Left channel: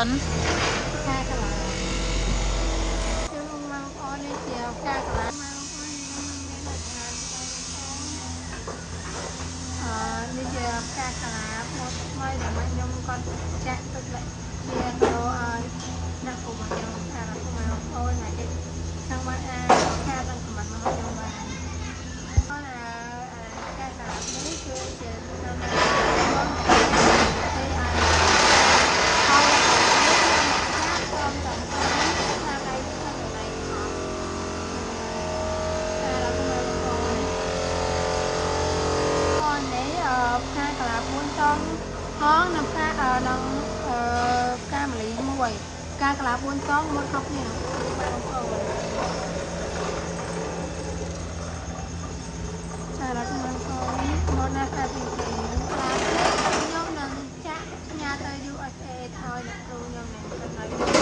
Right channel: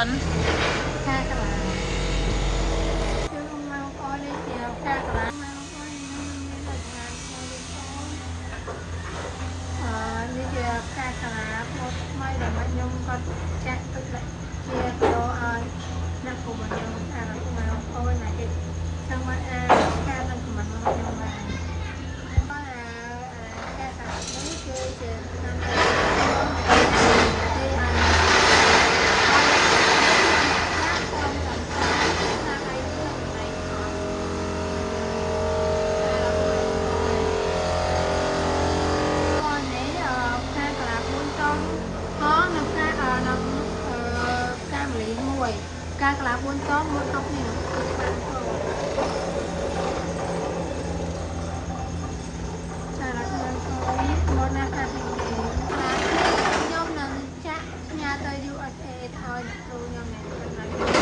អូនផ្កាកន្លាគឺមកអូននេះជាផ្កាកន្លាមកអូននឹងមានអត្ថន័យរបស់លោកអូននេះជាផ្កាកន្លាមកថ្មីដែលមកខ្ញុំគាត់ចាក់ទឹកជាគីឡូឲ្យអ្នកគ្រូរបស់ខ្ញុំអារម្មណ៍មកអូនមកទៀតនឹងមកផ្កានឹងខមមិនមកខ្ញុំបានអូនផ្កាកន្លានេះគឺជាតាមគេឲ្យការកលា4តងមកគ្រប់នេះបានផងចារ៉ាខ្ញុំមកណាស់អាពីកលាខ្ញុំនឹងចាក់ផ្ញើទៅ USA ឲ្យអ្នកគ្រូខ្ញុំនឹងកន្លែង